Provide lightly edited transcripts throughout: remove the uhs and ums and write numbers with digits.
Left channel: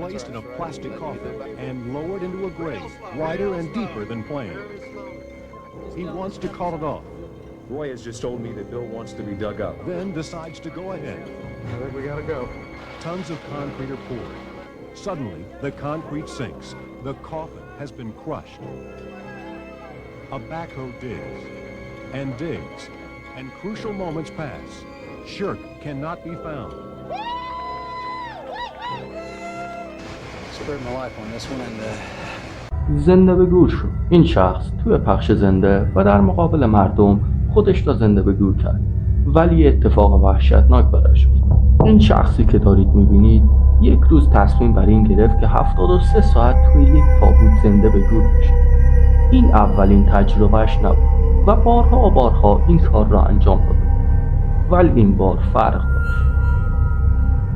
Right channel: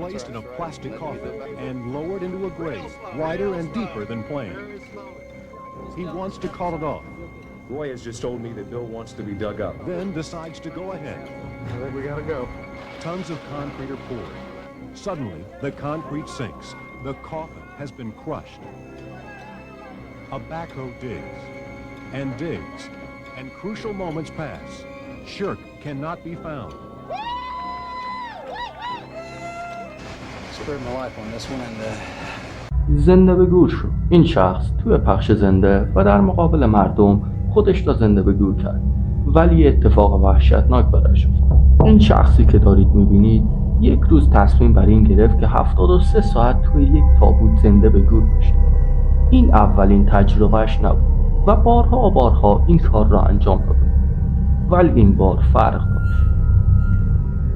placed in a plastic coffin and lowered into a grave wider and deeper than planned. He wants to call it off. Roy has just told me that Bill wants to be dug up. Then decides to go ahead. I think we gotta go. Tons of concrete are poured. Suddenly, the concrete sinks. The coffin has been crushed. A backhoe digs and digs, and crucial moments pass. Shirk cannot be found. Spared my life on this one, and زنده به گور شد. این شخص توی پخش زنده و در مقابل مردم خودش را زنده به گور کرد، ولی اتفاق وحشتناک برایش افتاد. این شخصی که دارید میبینید یک روز تصمیم بر این گرفت که 73 ساعت توی یک تابوت زنده به گور بشه. این اولین تجربهش نبود و بارها و بارها این کار را انجام داد، ولی این بار فرق داشت.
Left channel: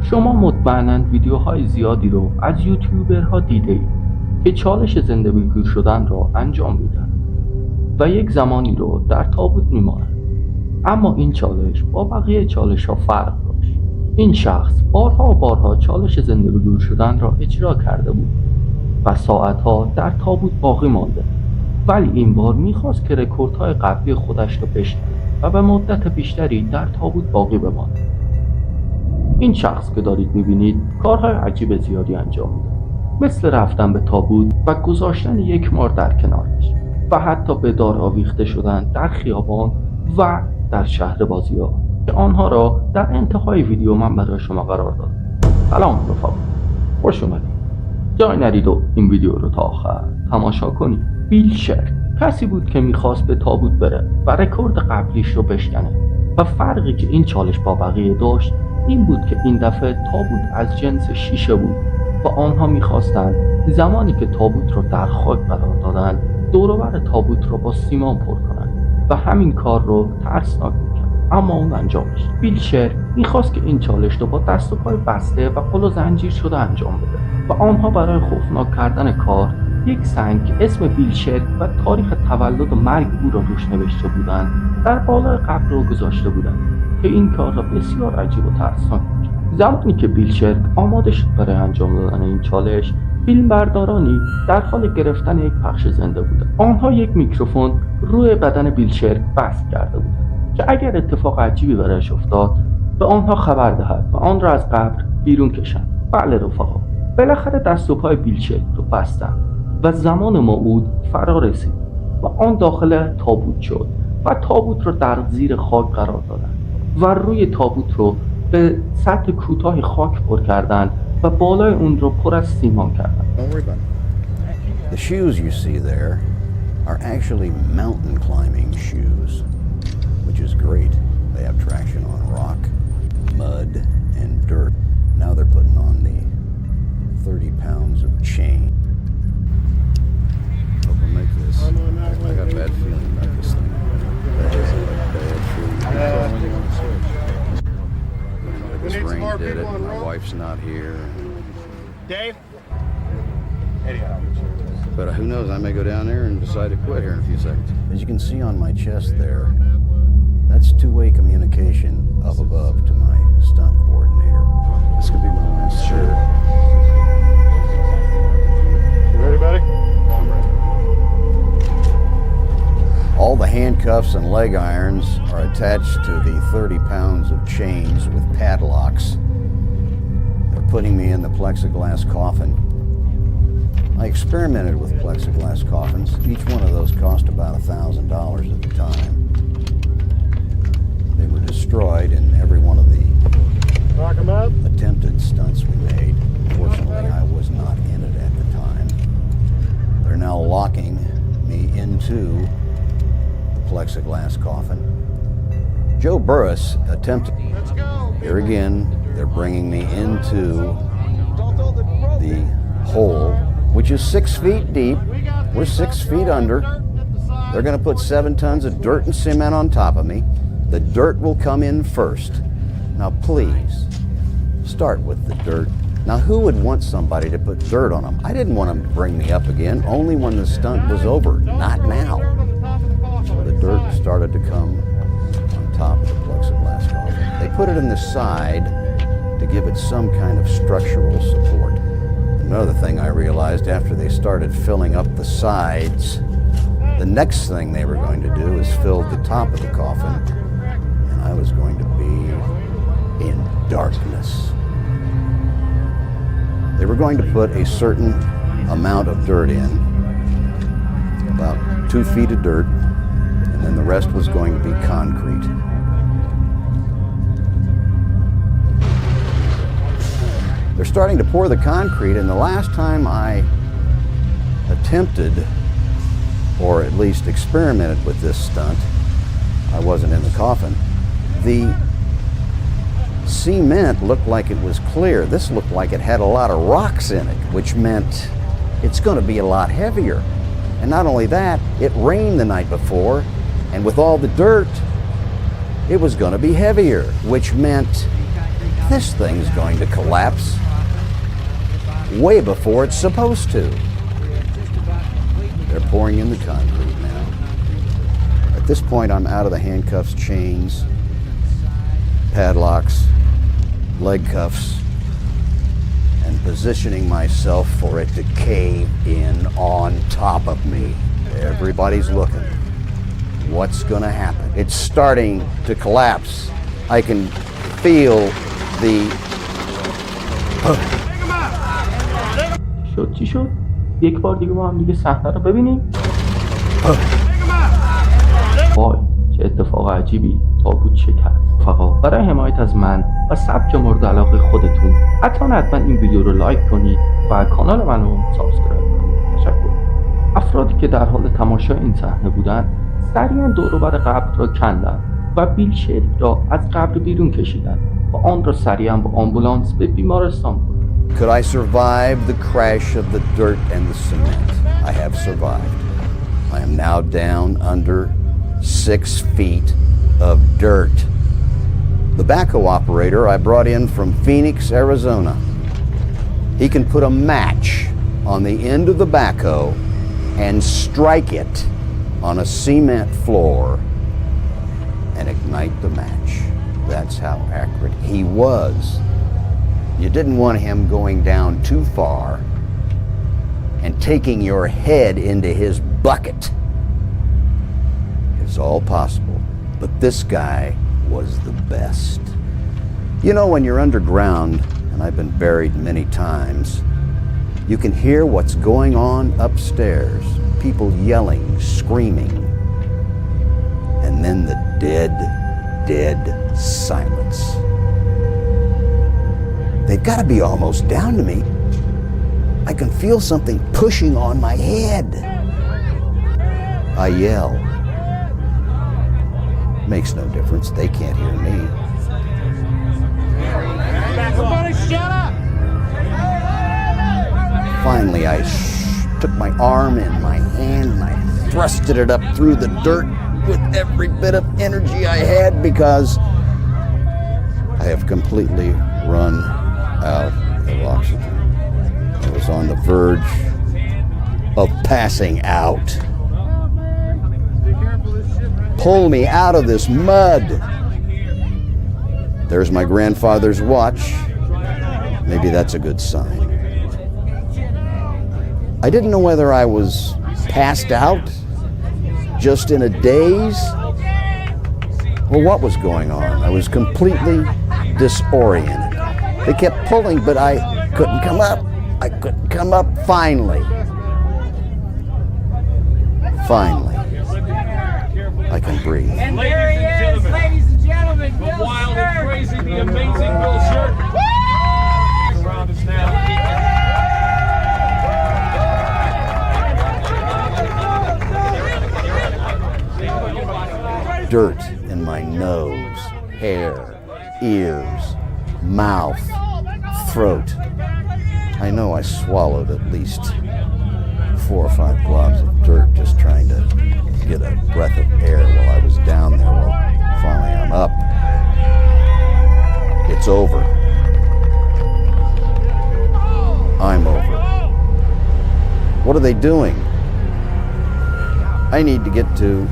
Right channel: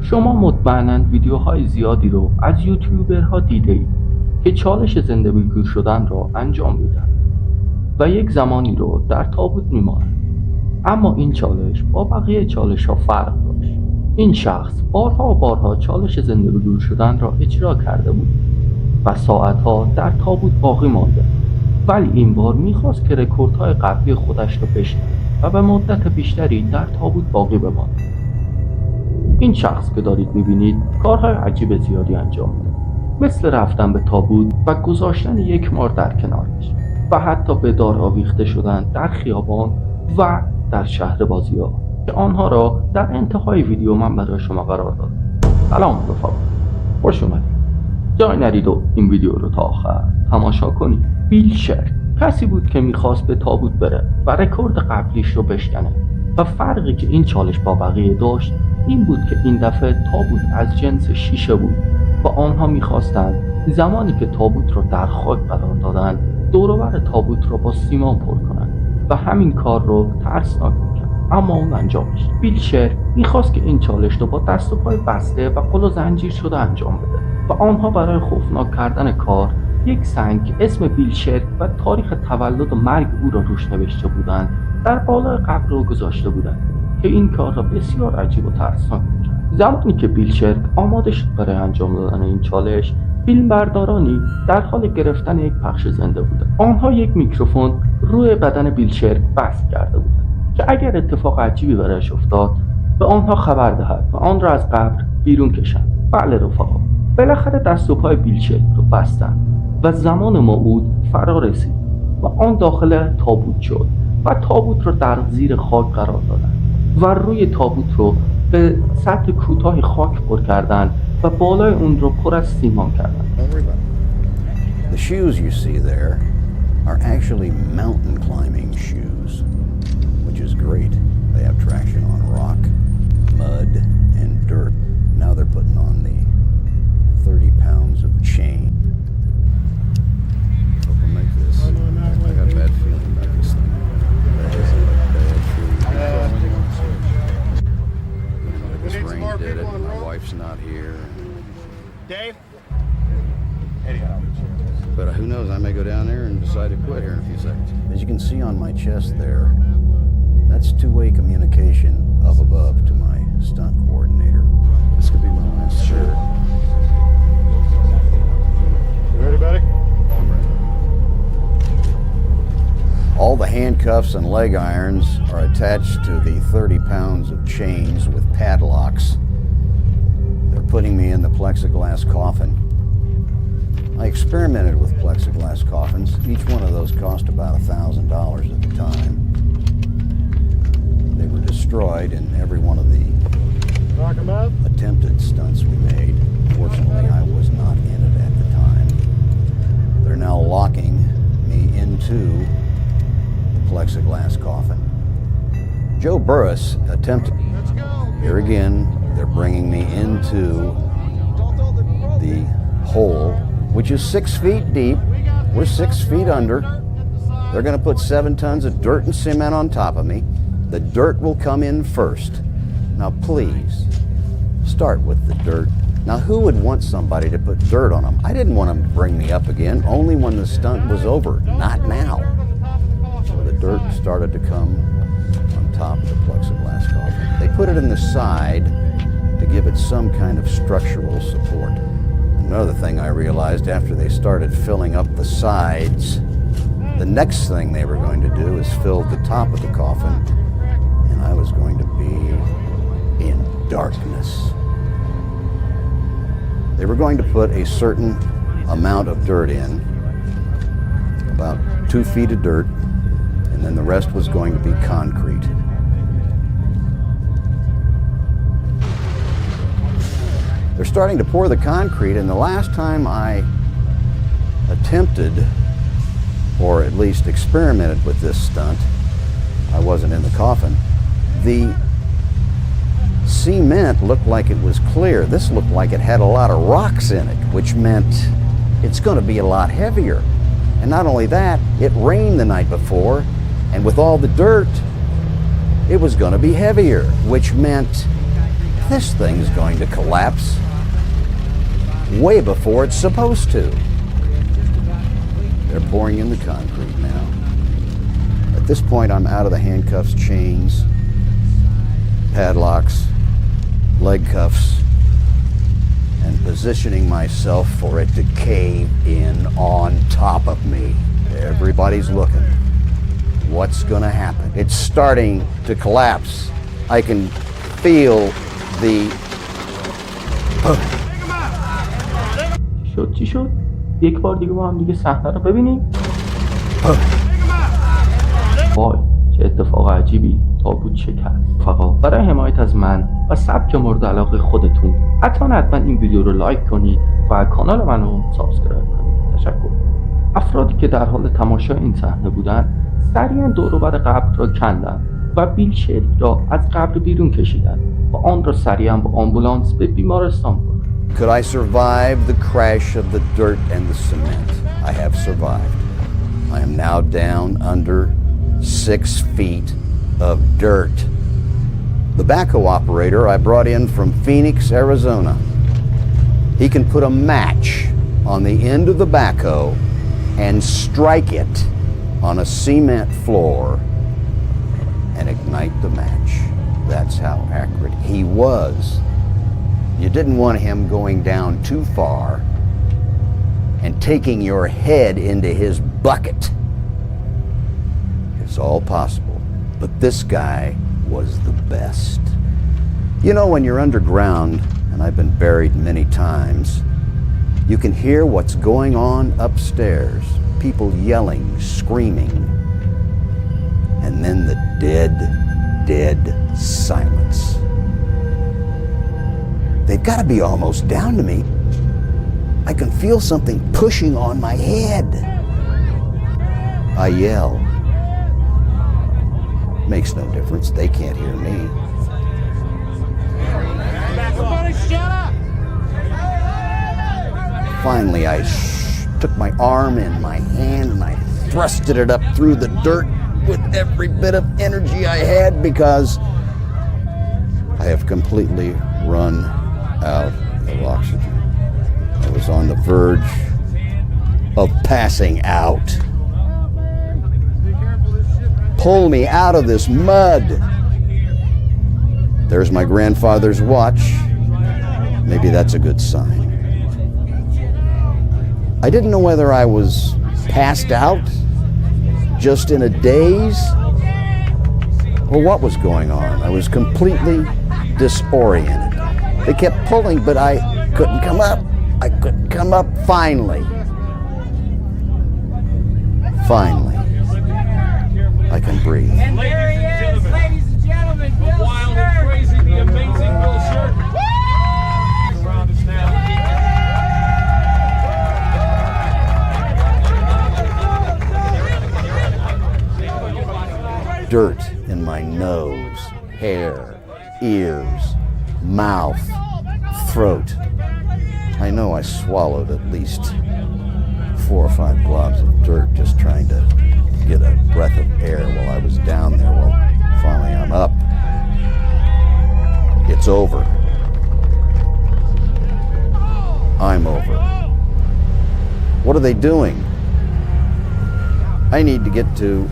شما مطمئناً ویدیوهای زیادی رو از یوتیوبرها دیده اید که چالش زنده به گور شدن را انجام میدن و یک زمانی رو در تابوت میمانند، اما این چالش با بقیه چالش ها فرق داشت. این شخص بارها و بارها چالش زنده به گور شدن را اجرا کرده بود و ساعتها در تابوت باقی مانده، ولی این بار میخواست که رکوردهای قبلی خودش را بشکنه و به مدت بیشتری در تابوت باقی بماند. این شخص که دارید میبینید کارهای عجیب زیادی انجام میده، مثل رفتن به تابوت و گذاشتن یک مار در کنارش و حتی به دار آویخته شدن در خیابان و در شهر بازی‌ها که آنها را در انتهای ویدیو من برای شما قرار دادم. سلام رفقا، خوش اومدید. جای نرید و این ویدیو رو تا آخر تماشا کنید. بیل شرک کسی بود که میخواست به تابوت بره و رکورد قبلیش رو بشکنه و فرقی که این چالش با بقیه داشت این بود که این دفعه تابوت از جنس شیشه بود و آنها میخواستند زمانی که تابوت رو در خاک قرار دادن دور و بر تابوت رو با سیمان پر کنند و همین کار رو ترسناک میکرد، اما اون انجامش. بیل شرک میخواست که این چالش رو با دست و پای بسته و قل و زنجیر شده انجام بده و آنها برای خوفناک کردن کار یک سنگ اسم بیل شرک و تاریخ تولد و مرگ او را روش نوشته بودند در بالای قبر رو گذاشته بودند که این کار را بسیار عجیب و ترسناک میکرد. زمانی که بیل شرک آماده شد برای انجام دادن این چالش، فیلمبردارانی در حال گرفتن یک پخش زنده بودند. آنها یک میکروفون روی بدن بیل شرک بست کرده بودند که اگر اتفاق عجیبی برایش افتاد به آنها خبر دهد و آن را از قبر بیرون کشند. بله رفقا، بالاخره دست و پای بیل شرک رو بستند و زمان موعود فرا رسید و آن داخل تابوت شد و تابوت رو در زیر خاک قرار دادند و روی تابوت رو به سطح کوتاه خاک پر کردند و بالای اون رو پر از سیمان کردند. the shoes you see there are actually mountain climbing shoes, which is great. They have traction on rock, mud, and dirt. Now they're putting on the 30 pounds of chain. Hope I make this. I got a bad feeling about this thing. This rain did it. My wife's not here. Dave? Anyhow. But who knows, I may go down there and decide to quit here in a few seconds. As you can see on my chest there, that's two-way communication up above to my stunt coordinator. This could be my last shirt. You ready, buddy? I'm ready. All the handcuffs and leg irons are attached to the 30 pounds of chains with padlocks. They're putting me in the plexiglass coffin. I experimented with plexiglass coffins. Each one of those cost about $1,000 at the time. They were destroyed in every one of the attempted stunts we made. Fortunately, I was not in it at the time. They're now locking me into the plexiglass coffin. Joe Burris attempted. Here again, they're bringing me into the hole, which is 6 feet deep. We're 6 feet under. They're going to put 7 tons of dirt and cement on top of me. The dirt will come in first. Now please, start with the dirt. Now who would want somebody to put dirt on them? I didn't want them to bring me up again, only when the stunt was over, not now. So the dirt started to come on top of the plexiglass coffin. They put it in the side to give it some kind of structural support. Another thing I realized after they started filling up the sides, the next thing they were going to do is fill the top of the coffin, and I was going to be in darkness. They were going to put a certain amount of dirt in, about 2 feet of dirt, and then the rest was going to be concrete. They're starting to pour the concrete, and the last time I attempted, or at least experimented with this stunt, I wasn't in the coffin, the cement looked like it was clear. This looked like it had a lot of rocks in it, which meant it's going to be a lot heavier. And not only that, it rained the night before, and with all the dirt, it was going to be heavier, which meant this thing's going to collapse way before it's supposed to. They're pouring in the concrete now. At this point, I'm out of the handcuffs, chains, padlocks, leg cuffs, and positioning myself for it to cave in on top of me. Everybody's looking. What's gonna happen? It's starting to collapse. I can feel the... چی شد؟ یک بار دیگه با هم دیگه صحنه رو ببینیم. وای چه اتفاق عجیبی، تابوت شکست. فقط برای حمایت از من و سبک مورد علاقه خودتون حتما این ویدیو رو لایک کنید و کانال منو سابسکرایب کنید. تشکر. افرادی که در حال تماشای این صحنه بودن سریعا دور و بر قبر را کندند و بیل شریک را از قبر بیرون کشیدند و آن را سریعا با آمبولانس به بیمارستان بردند. Could I survive the crash of the dirt and the cement? I have survived. I am now down under 6 feet of dirt. The backhoe operator I brought in from Phoenix, Arizona. He can put a match on the end of the backhoe and strike it on a cement floor and ignite the match. That's how accurate he was. You didn't want him going down too far and taking your head into his bucket. It's all possible, but this guy was the best. You know, when you're underground, and I've been buried many times, you can hear what's going on upstairs. People yelling, screaming, and then the dead silence. They've got to be almost down to me. I can feel something pushing on my head. I yell. Makes no difference. They can't hear me. Somebody shut up! Finally, I took my arm in my hand and I thrusted it up through the dirt with every bit of energy I had because I have completely run out of oxygen. I was on the verge of passing out. Pull me out of this mud. There's my grandfather's watch. Maybe that's a good sign. I didn't know whether I was passed out, just in a daze, or what was going on. I was completely disoriented. They kept pulling, but I couldn't come up. I couldn't come up. Finally, I can breathe. And there he is, ladies and gentlemen, Bill Wild and crazy, the amazing Bill Shirk. Around us now. Dirt in my nose, hair, ears, mouth, throat. I know I swallowed at least 4 or 5 globs of dirt just trying to get a breath of air while I was down there. Well, finally I'm up. It's over. I'm over. What are they doing? I need to get to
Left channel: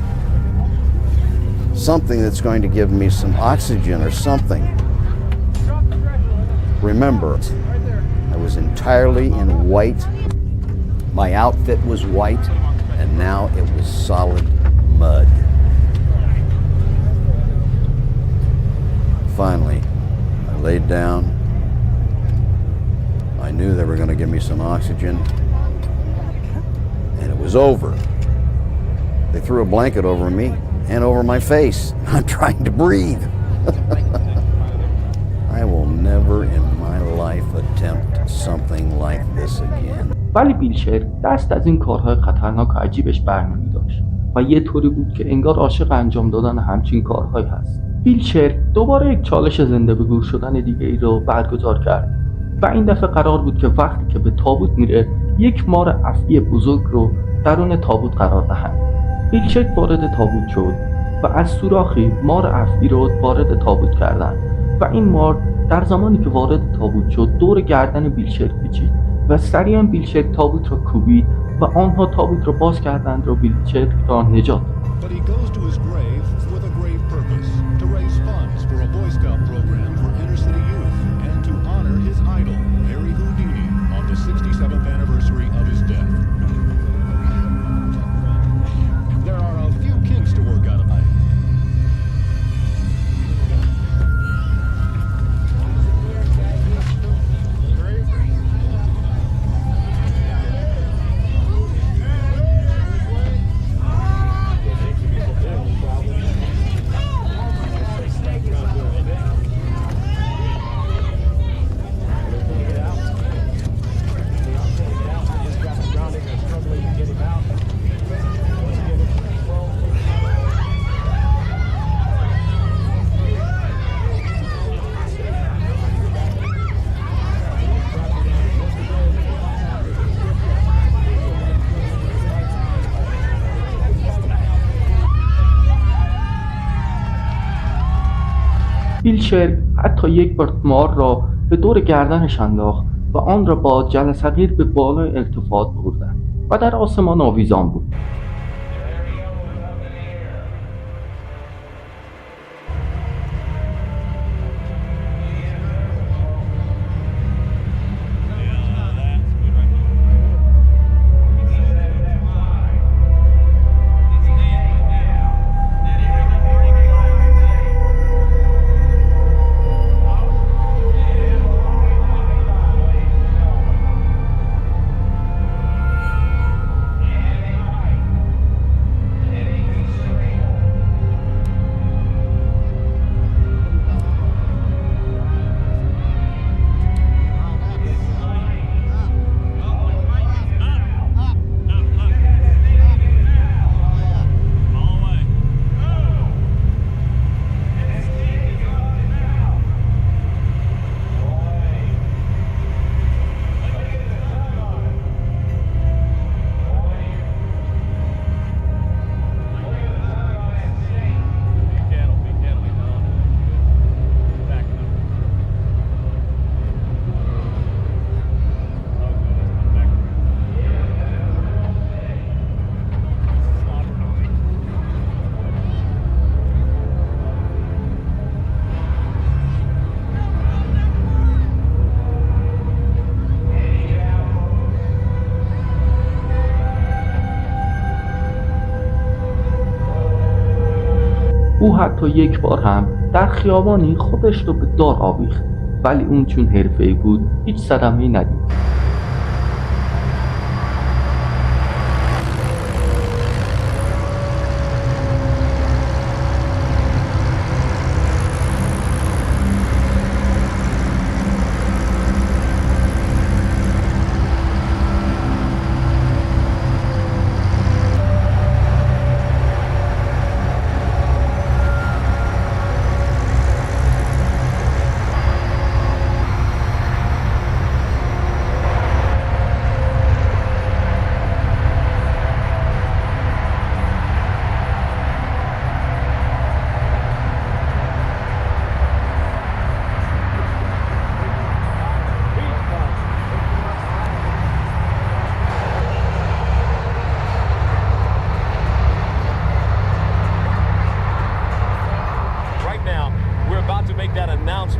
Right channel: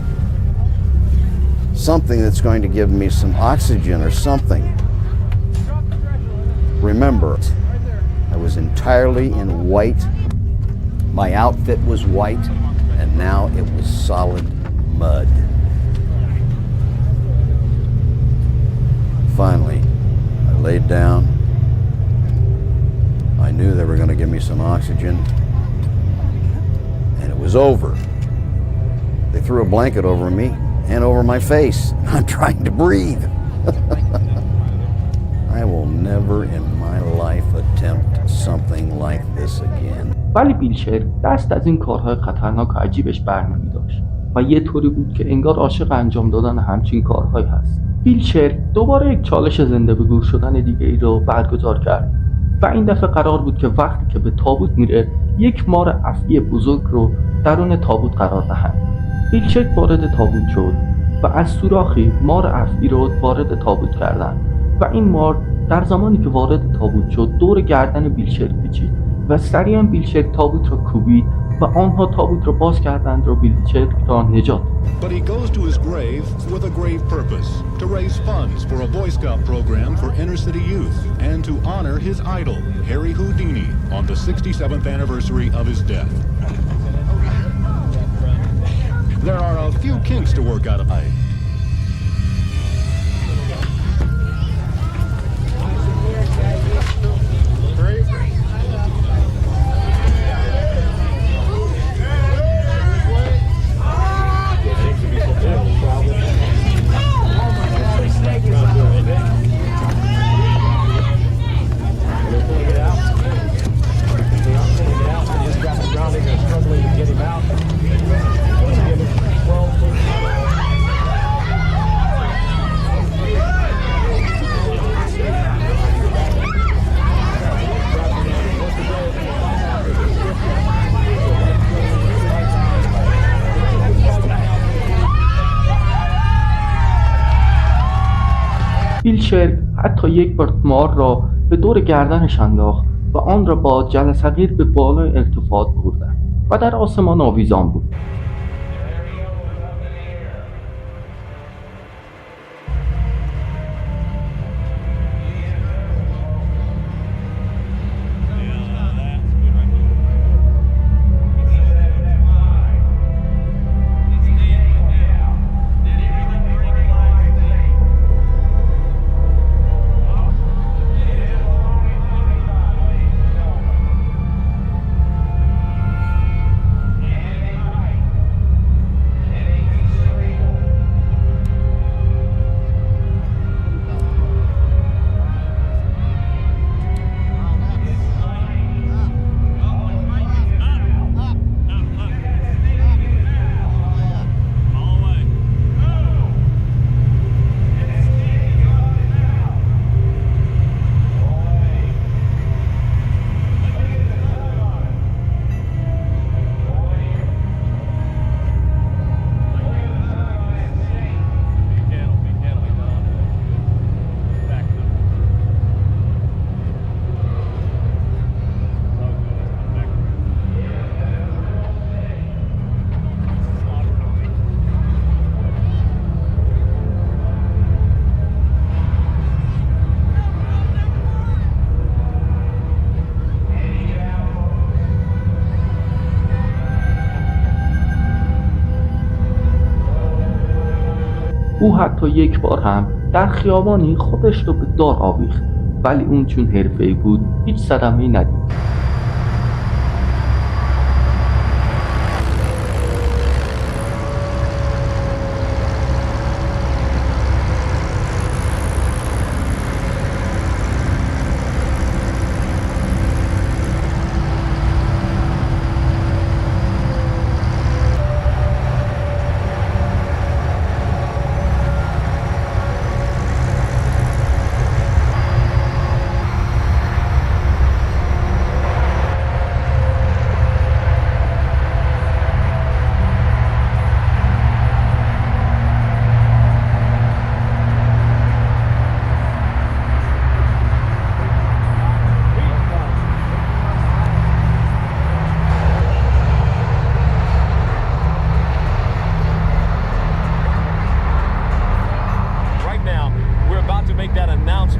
something that's going to give me some oxygen or something. Remember, I was entirely in white. My outfit was white, and now it was solid mud. Finally, I laid down. I knew they were going to give me some oxygen, and it was over. They threw a blanket over me and over my face. I'm trying to breathe. I will never in my life attempt something like this again. ولی بیلچر دست از این کارهای خطرناک و عجیبش بر نمی داشت و یه طوری بود که انگار عاشق انجام دادن همچین کارهایی هست. بیلچر دوباره یک چالش زنده به گور شدن دیگه ای رو برگزار کرد و این دفعه قرار بود که وقتی که به تابوت میره یک مار افعی بزرگ رو درون تابوت قرار دهند. بیلچر وارد تابوت شد و از سوراخی مار افعی رو وارد تابوت کردند و این مار در زمانی که وارد تابوت شد دور گردن بیلچر پیچید و سریعا بیلچر تابوت را کوبید و آنها تابوت را باز کردند و بیلچر را نجات داد. But he goes to his grave with a grave purpose, to raise funds for a Boy Scout program for inner city youth and to honor his idol, Harry Houdini, on the 67th anniversary of his death. There are a few kinks to work out of it. بیلچر حتی یک بار مار را به دور گردنش انداخت و آن را با جلسگیر به بالای ارتفاع بردند و در آسمان آویزان بود. او حتی یک بار هم در خیابانی خودش رو به دار آویخت، ولی اون چون حرفه‌ای بود هیچ صدمه‌ای ندید.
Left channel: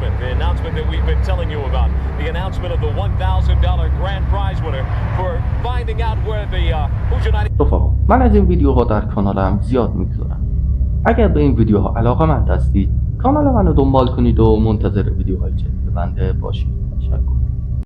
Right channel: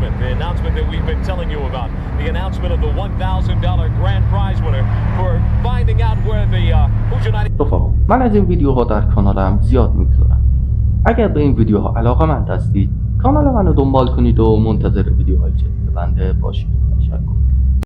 announcement that we've been telling you about. The announcement of the $1,000 grand prize winner for finding out where the Jnایی. رفقا، من از این ویدیوها در کانالم زیاد میگذارم. اگر به این ویدیوها علاقه‌مند هستید، کانال منو دنبال کنید و منتظر ویدیوهای جدید بنده باشید. تشکر.